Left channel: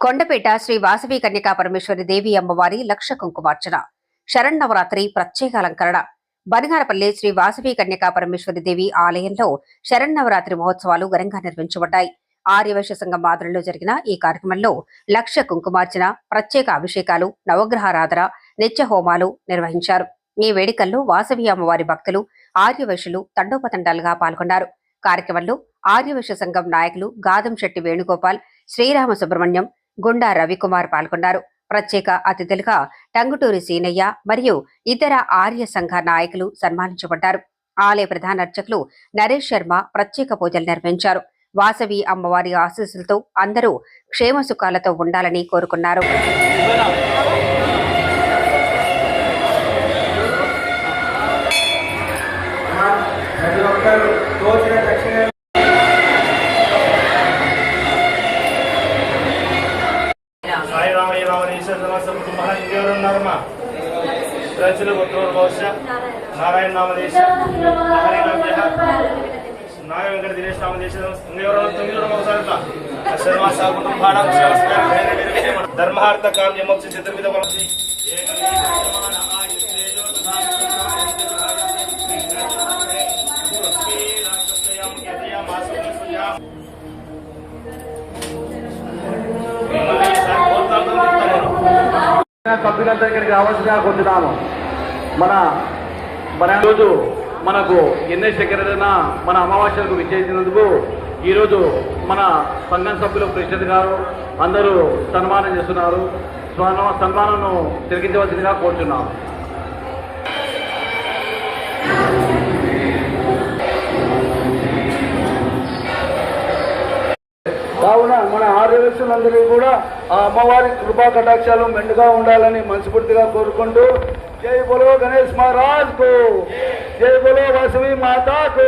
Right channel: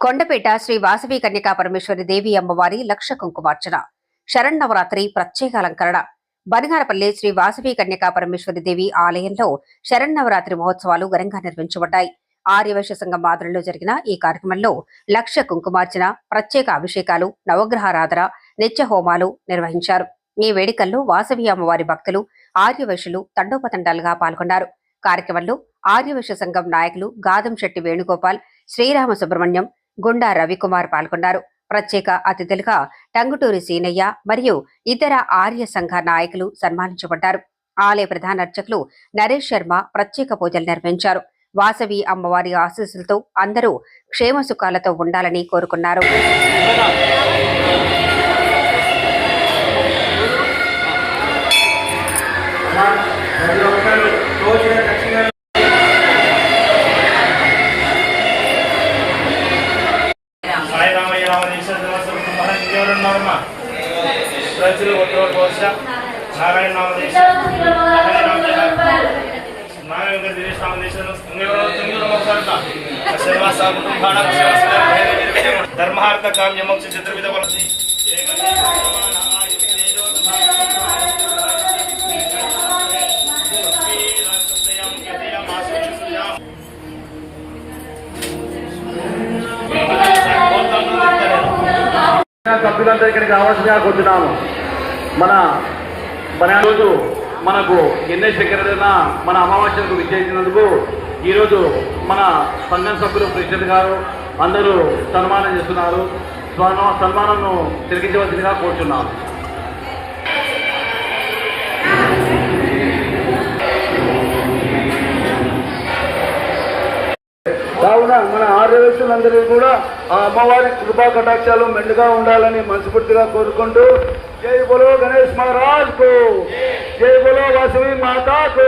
కొండపేట శ్రీ వాసవి కన్యకా పరమేశ్వరి దేవి అమ్మవారి లక్ష కుంకుమార్చన. శరణవరాత్రి ప్రత్యేక అలంకరణ. బనగారపల్లి శ్రీ వాసవి కన్యకా పరమేశ్వరి దేవి ఆలయంలో శరణవరాత్రి మహోత్సవాలు ఘనంగా నిర్వహించబడ్డాయి. ఆర్యవైశ్య సంఘం ఆధ్వర్యంలో జరిగిన ఈ కార్యక్రమంలో లక్ష కుంకుమార్చన ప్రత్యేక అభిషేకాలు నవగ్రహారాధన నిత్య హోమాలు నిర్వహించారు. ఈ వేడుకల్లో వాసవి అమ్మవారి భక్తులు ఆర్యవైశ్యులు తండోపతండాలుగా పాల్గొన్నారు. కార్యక్రమంలో ఆర్యవైశ్య సంఘం నాయకులు గాదం శెట్టి వేణుగోపాల్ శ్రీరామ సుబ్రహ్మణ్యం గుండా రవికుమార్ పాల్గొన్నారు. ప్రత్యేక అతిథులుగా టంగుటూరి సీనయ్య మరియు ఇతర ఆర్య సంఘ నాయకులు సన్మానించబడ్డారు. ఆలయ ప్రధాన అర్చకులు నరేష్ శర్మ ప్రత్యేక పూజలు నిర్వహించారు. వాసవి అమ్మవారి ఆశీస్సులతో అందరూ క్షేమ సుఖాలతో ఉండాలని కోరుకున్నారు. కుమార్ ఇంకెవరు ఉన్నారమ్మా ప్రజలు ఒట్టోరు కోశ నారాయణ నామదేశ్వర నారాయణ దినేష్ నామదేశ్వర ఇంకెవరు తొమ్మిది ఒకసారి శర్వాస కుటుంబానం ధర్మార్థ కామ్య మోక్ష చతుర్విధ వలసి సభ్యులందరూ ఇక్కడికి రావాల్సిందిగా కోరుతున్నాము మన మన రోజు మనకు ఎన్ఎస్ సెక్రటరీన మన అమావాస్యకు విచ్చేసినందుకు ఈరోజు మన సంఘం సభ్యులు ప్రెసిడెంట్ గారు అందరూ సన్మానం చేస్తున్నారు. సన్మానంను తిరిగించవలసిందిగా కోరుతున్నాను కావున మన ఆర్యవేక్షలందరూ కూడా ఆ అమ్మవారి కృపా కటాక్షాలు మెండుగా ఉండాలని మనస్ఫూర్తిగా కోరుకుంటూ జై బలో గణేష్ మహారాజ్కు. జై బలో వాసవి మాతాకు.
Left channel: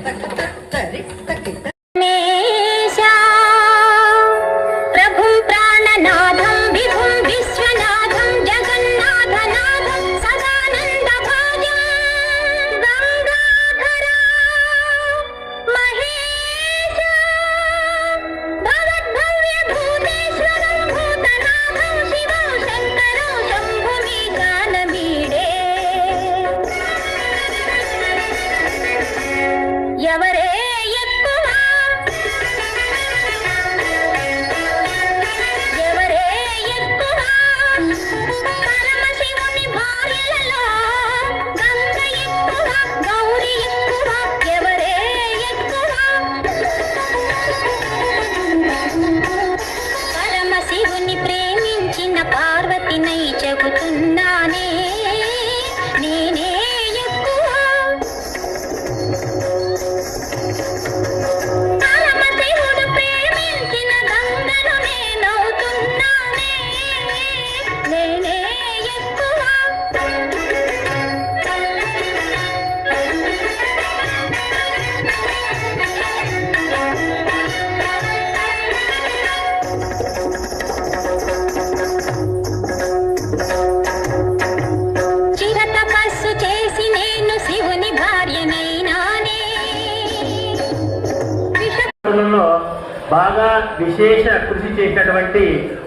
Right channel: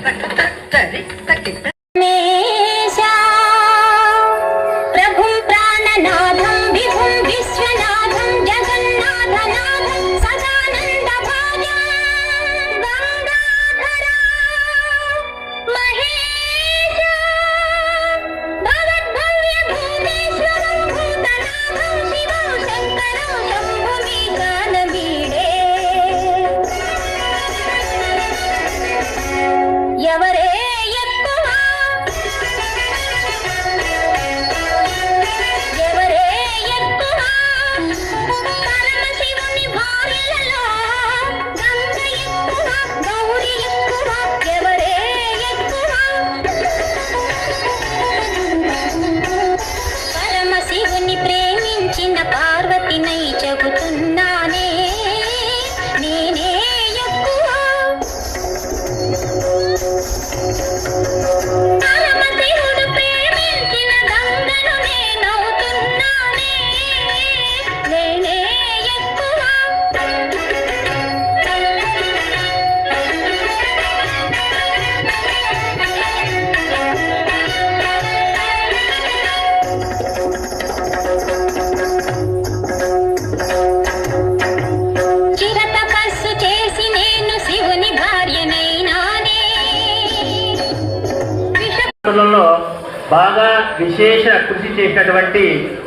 బాగా విశేష కృషి చేసినటువంటి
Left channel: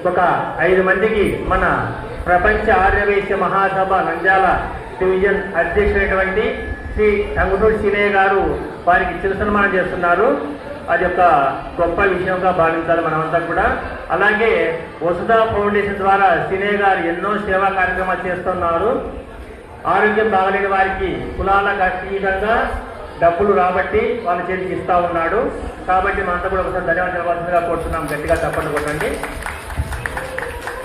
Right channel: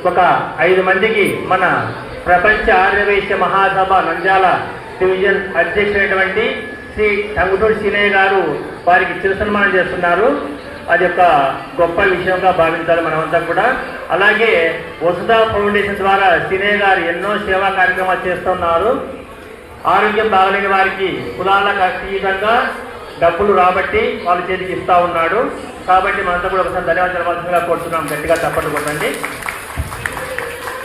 ఒక ఐదు మందికి మన ప్రపంచ ఆర్యవేశ్య మహాసభ నంద్యాల డివిజన్ అధ్యక్షుడైనటువంటి శ్రీ టంగుటూరు సీనయ్య గారు వారికి చిరుసన్మానం చేస్తున్నారు. అది ఒక గొప్ప విషయంగా భావించాలి మనమంతా కూడా. అలాగే వసుధ ఫౌండేషన్ ద్వారా సీనయ్య గారు ఎన్నో సేవా కార్యక్రమాలు చేస్తున్నారు. ఆరోగ్యం బాగలేని వారికి కులాలకు అతీతంగా డబ్బులు రాబట్టి వాళ్ళ చేతికి ఇస్తా ఉన్నాడు. కాబట్టి మనంతా కూడా ఒకసారి ధన్యవాదాలు కోరుతున్నాం. గట్టిగా తప్పట్లు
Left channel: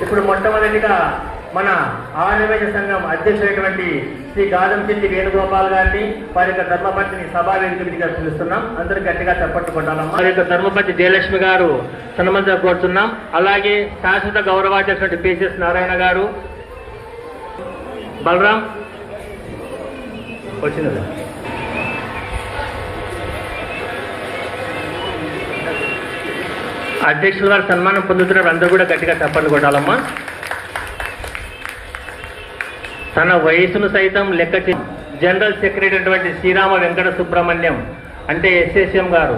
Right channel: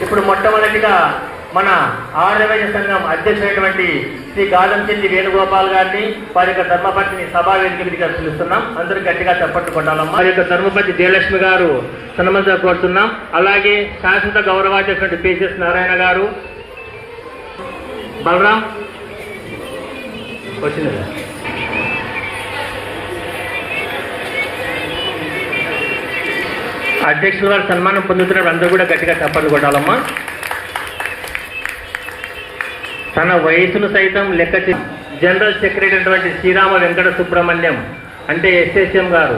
ఇప్పుడు మొట్టమొదటిగా మన ఆర్యవైద్య సంఘం అధ్యక్షుడైనటువంటి శ్రీ గాలంచెట్టి వేణుగోపాల్ గారిని వారి యొక్క ధర్మపతిని సభా వేదికగా పిలుస్తున్నాం. అందరూ గట్టిగా తప్పట్టు వారి యొక్క ధర్మపతి జయలక్ష్మి గారు సన్మంతా కోరుతున్నాం. అలాగే శాశ్వత గౌరవాధ్యక్షుడు పిసిఎస్ నారాయణ గారు. బలరాం. వచ్చింది అధ్యక్షుల వారు సన్మానం పొందుతున్నారు. అందరూ కూడా గట్టిగా చప్పట్లు కొట్టాలమ్మా. తన వయసును సైతం లెక్క జనరల్ సెక్రటరీ అయినటువంటి శ్రీరామ వెంకట సుబ్రహ్మణ్యం అంటే ఎస్ఎస్ఎం గారు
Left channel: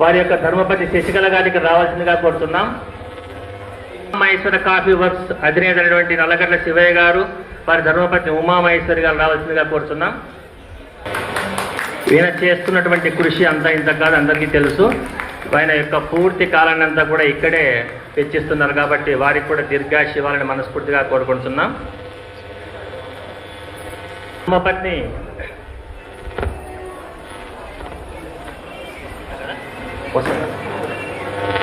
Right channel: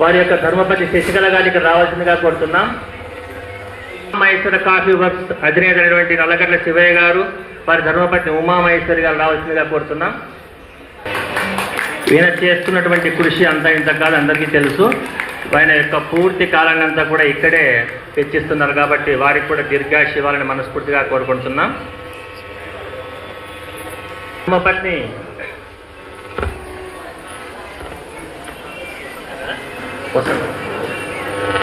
వారి యొక్క ధర్మపతి శశికళ గారికి రావాల్సిందిగా కోరుతున్నాం. మహేశ్వర కాఫీ వర్క్స్ అధినేత అయినటువంటి నల్లగడ్డ శివయ్య గారు వారి ధర్మపతి ఉమామహేశ్వరి గారు రావాల్సిందిగా కోరుతున్నాం. ఈయన చేస్తున్నటువంటి కృషి అంతా ఇంత కాదు అందరికీ తెలుసు. ఆయన యొక్క పూర్తి కాలాన్ని అంతా కూడా ఇక్కడే తెచ్చిస్తున్నారు కాబట్టి వారికి కూడా దీర్ఘాశ ఇవ్వాలని మనస్ఫూర్తిగా కోరుకుంటున్నాం. పత్ని. వసంత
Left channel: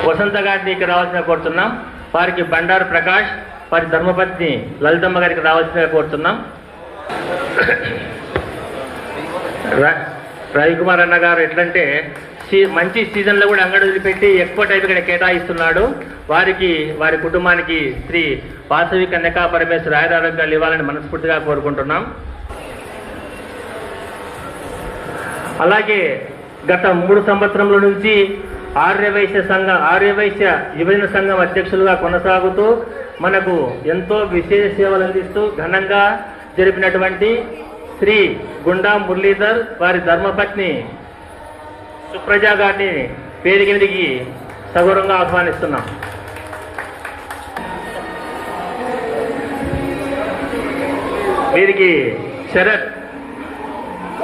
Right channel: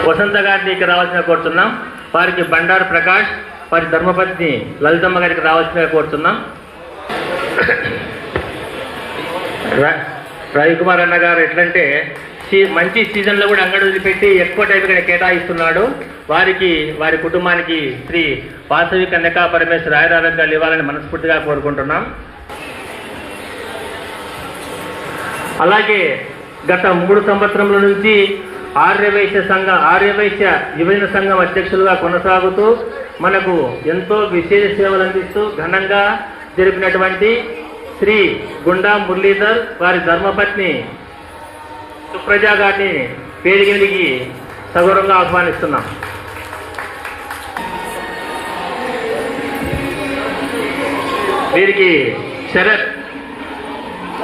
వసంత గారిని ఇక్కడ రావాల్సిన కోరుతున్నాం. వారికి బండారు ప్రకాష్ వారి ధర్మపత్ని లలితమ్మ గారికి రావాల్సిన కోరుతున్నాం. ర- రవికుమార్ అన్న గారు ఎట్లంటే మంచి సీజన్లో కూడా అంగడి వదిలిపెట్టి ఎక్కువ టైం ఇక్కడ కేటాయిస్తున్నాడు. వారికి వారి కుటుంబానికి శ్రీ వాసవి కన్యకా పరమేశ్వర ఆయురారోగ్యాలు ఇవ్వాలని మనస్ఫూర్తిగా కోరుకుంటున్నాం. అలాగే గత మూడు సంవత్సరముల నుంచి ఆర్యవైశ్య సంఘ ఆర్యవైశ్య యువజన సంఘం అధ్యక్షులుగా కొనసాగుతూ మనకు ఎంతో విశేష సేవలు అందిస్తూ ఘనంగా జరిపినటువంటి శ్రీ గుండా మురళీధర్ వారి ధర్మపత్ని సుప్రజా గారిని వేదికకి సగౌరవంగా ఆహ్వానిస్తున్నాం. వీరికి శరత్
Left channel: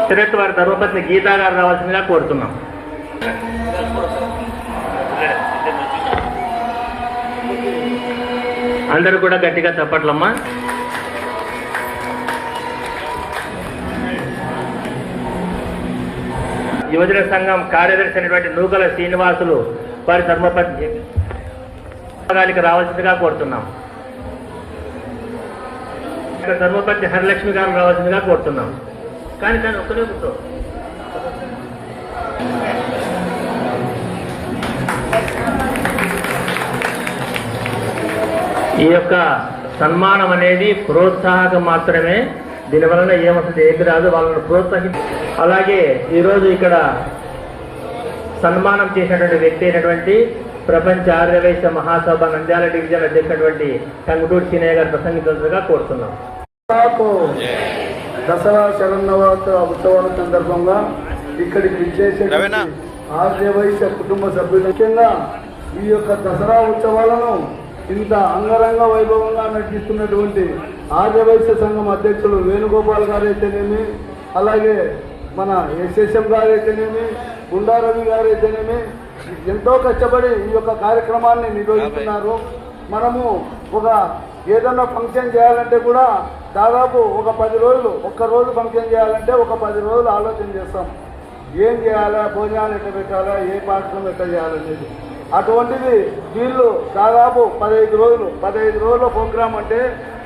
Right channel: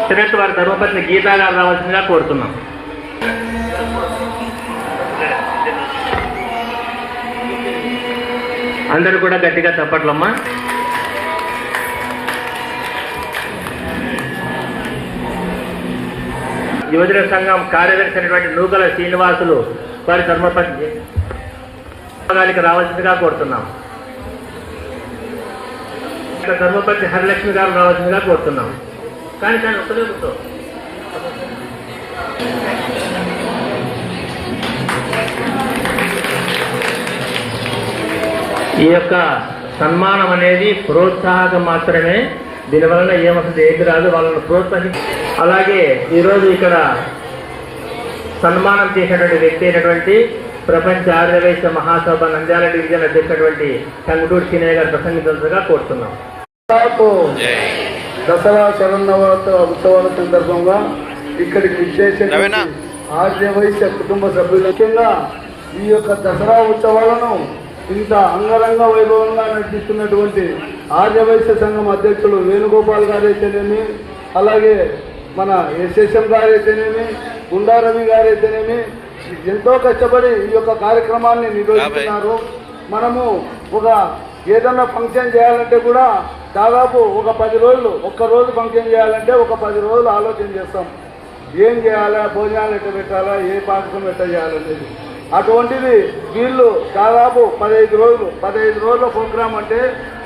శరత్ వారి ధర్మపత్ని గీతా గారు రావాల్సిందిగా కోరుతున్నాం. అందరూ కూడా గట్టిగా చెప్పట్లమ్మా యువజన సంఘం కార్యదర్శి అయినటువంటి నూకల శ్రీనివాసులు వారి ధర్మపత్ని గారికి రావాల్సిందిగా కోరుతున్నాం. ధర్మపతి హరిలక్ష్మి గారు రావాల్సిందిగా కోరుతున్నాం. కానీ కానీ ఒక్కదే కూర్చో. ఈ యొక్క సన్మానం అనేది ప్రోత్సాహకం మాత్రమే దీనివలన ఏమవుతుంది ఏది రాదు వాళ్ళని ప్రోత్సహించారు అలాగే ఈరోజు ఇక్కడ సన్మానం చేసినటువంటి వ్యక్తి అయినటువంటి ప్రపంచ ఆర్యవైశ్య మహాసభ నంద్యాల డివిజన్ అధ్యక్షుడటువంటి టంగుటూరు సీనయ్య గారు ప్రసంగించాల్సిందిగా కోరుతున్నాం దసరా శరణవరాత్రి ఉత్సవాల సందర్భంగా ఇక్కడికి విచ్చేసే? ఆర్యవైశ్య కుటుంబ సభ్యులు ముఖ్యంగా ఈ యొక్క దసరా ఉత్సవాలను ఇంత అంగరంగ వైభవంగా నడిపిస్తున్నటువంటి ఆర్యవైశ్య సంఘం అధ్యక్షులు వేణుగోపాల్ గారు అయితేనేమి అలాగే మన ఎస్ఎస్ఎం గారైతేనేమి గుండారవి గారు ఎంతో కష్టపడి ఈ యొక్క కార్యక్రమాన్ని నిర్వహిస్తున్నారు. మనము ఒక ఏదన్నా ఫంక్షన్ చేయాలంటే కూడా దాదాపు ఒక పది రోజులు ఒక్క రోజు ఫంక్షన్ చేయాలంటే ఒక పది రోజులు ఆలోచన చేస్తాం. ఏం చేయాలా భోజనాలు ఎట్లా పెట్టాలా ఏ పాఠకం ఎట్లా చేయాలనేది అటువంటిది వీళ్ళు దాదాపు పదహైదు రోజులు పదహైదు రోజుల ప్రోగ్రామ్ అంటే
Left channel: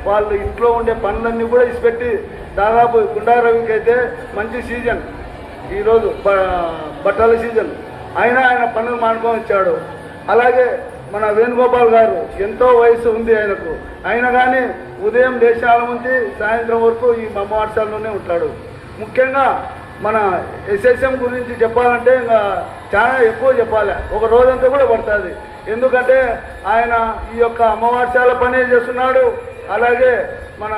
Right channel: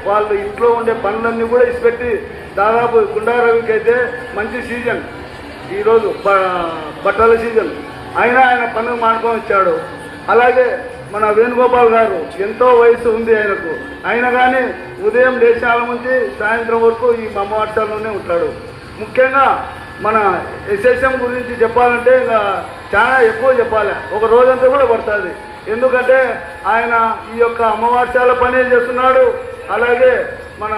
వాళ్ళు ఇంట్లో ఉండే పనులన్నీ కూడా ఇసిపెట్టి దాదాపు గుండారవికి అయితే మంచి సీజన్. ఈరోజు బట్టల సీజన్. అయినా ఆయన పనులు మానుకొని వచ్చాడు. అలాగే మన వేణుగోపాల్ గారు ఎంతో వయసు ఉంది ఆయనకు. అయినా కానీ ఉదయం దేశాల నుంచి సాయంత్రం వరకు ఈ మమ్మవాట్సాల్లోనే ఉంటాడు. ముఖ్యంగా మన ఎస్ఎస్ఎం గురించి చెప్పాలంటే ఇంకా చాలా ఎక్కువ చెప్పాలి. ఒక రోజంతా కూడా పడుతుంది. ఎందుకంటే ఆయన ఈ యొక్క అమ్మవార్షాల పని చేస్తున్నాడు. అలాగే మన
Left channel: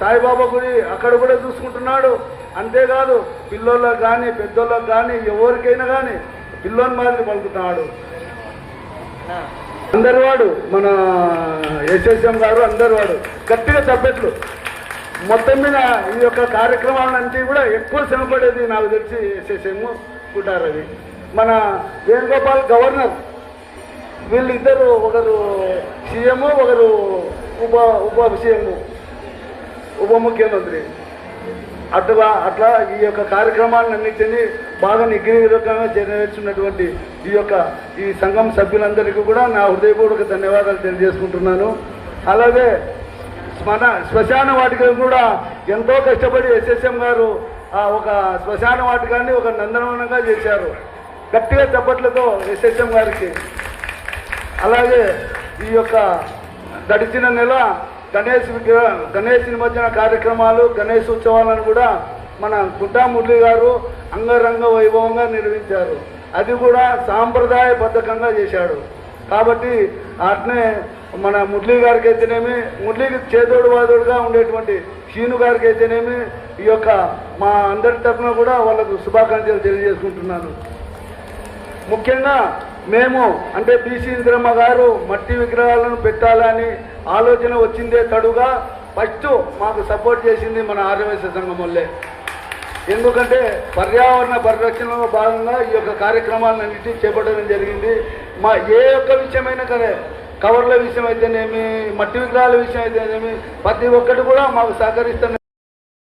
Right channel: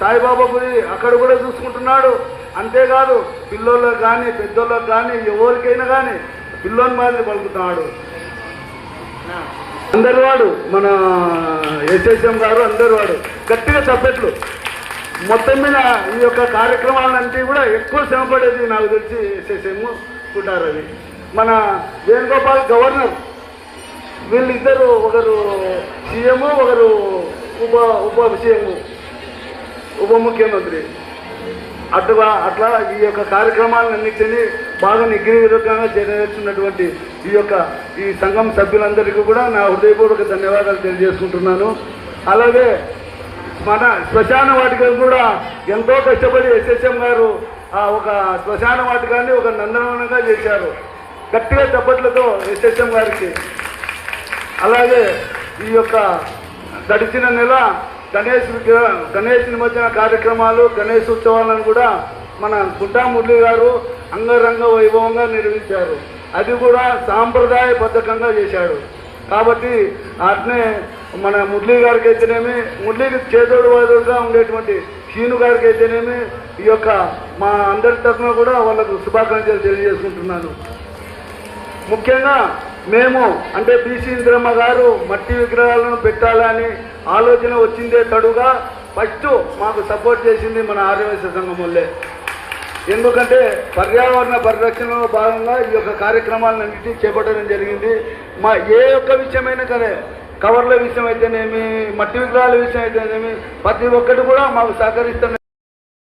సాయిబాబా గుడి అక్కడ కూడా చూసుకుంటున్నాడు. అంతేకాదు పిల్లోళ్ళకి కానీ పెద్దోళ్ళకి కానీ ఎవరికైనా కానీ పిల్లోని మాదిరి పలుకుతున్నాడు. అందరు వాడు మన ఎస్ఎస్ఎం గారు అందరు వాడు గట్టిగా తప్పట్లు మొత్తం మీద ఈ యొక్క కార్యక్రమాలంటే కూడా ఎక్కువ శ్రమపడేది నాకు తెలిసి ఎస్ఎస్ఎం అది మన వేణుగోపాల్ గవర్నర్ వీళ్ళిద్దరు ఒకరు సీఎం ఒకరు ఉప ఉప సీఎం. ఉప ముఖ్యమంత్రి. అటుగా అట్లా ఈ యొక్క కార్యక్రమాలన్నింటినీ బాగా నిగ్రహంగా చేరవేర్చున్నటువంటి ఈ యొక్క ఈ సంఘం సభ్యులందరికీ కూడా నా హృదయపూర్వక ధన్యవాదాలు తెలియజేసుకుంటున్నాను. అలాగే మన శ్మశాన వాటికలు కూడా ఎంతో కష్టపడి ఎస్ఎస్ఎం గారు ఆ ఒక శ్మశాన వాటికాన్ని ఒక నందనవనంగా చేశారు. గట్టిగా చప్పట్లతో ఎస్ఎస్ఎం గారికి. అలాగే ఈ యొక్క గడిచిన నెల గణేష్ గణేష్ నిమజ్జన కార్యక్రమాలు గణేష్ ఉత్సవాలను కూడా మన గుంటా మురళి గారు అంగరంగ వైభవంగా నిర్వహించారు. అది కూడా సాంప్రదాయబద్ధకంగా చేశాడు. కాబట్టి అట్నే మన మురళి గారికి అయితేనేమి మురళికి చేదోడు వాదోడుగా ఉండేటువంటి శీను గారికి అయితేనేమి ఈ యొక్క మా అందరి తరఫున కూడా వాళ్ళకు శుభాకాంక్షలు తెలియజేసుకుంటున్నాను. ముఖ్యంగా మేము అంటే బీసీ ఇంద్రమ్మ గారు మట్టి విగ్రహాలను పెట్టాలని ఆలోచన వచ్చిందే తడుగా ఫస్ట్ మాకు సపోర్ట్ చేసింది మన ఆర్యవైశ్య సంఘం వల్లే ఎందుకంటే పర్యావరణ పరిరక్షణలో భాగంగా ఈ యొక్క కార్యక్రమాలన్నింటినీ చేపట్టడం జరిగింది. మా ఏ ఒక్క విషయమైనా సరే కవర్ల విషయం అయితేనేమి మట్టి విగ్రహాల విషయం అయితేనేమి ప్రతి ఒక్కటి కూడా మాకు సహకరిస్తున్న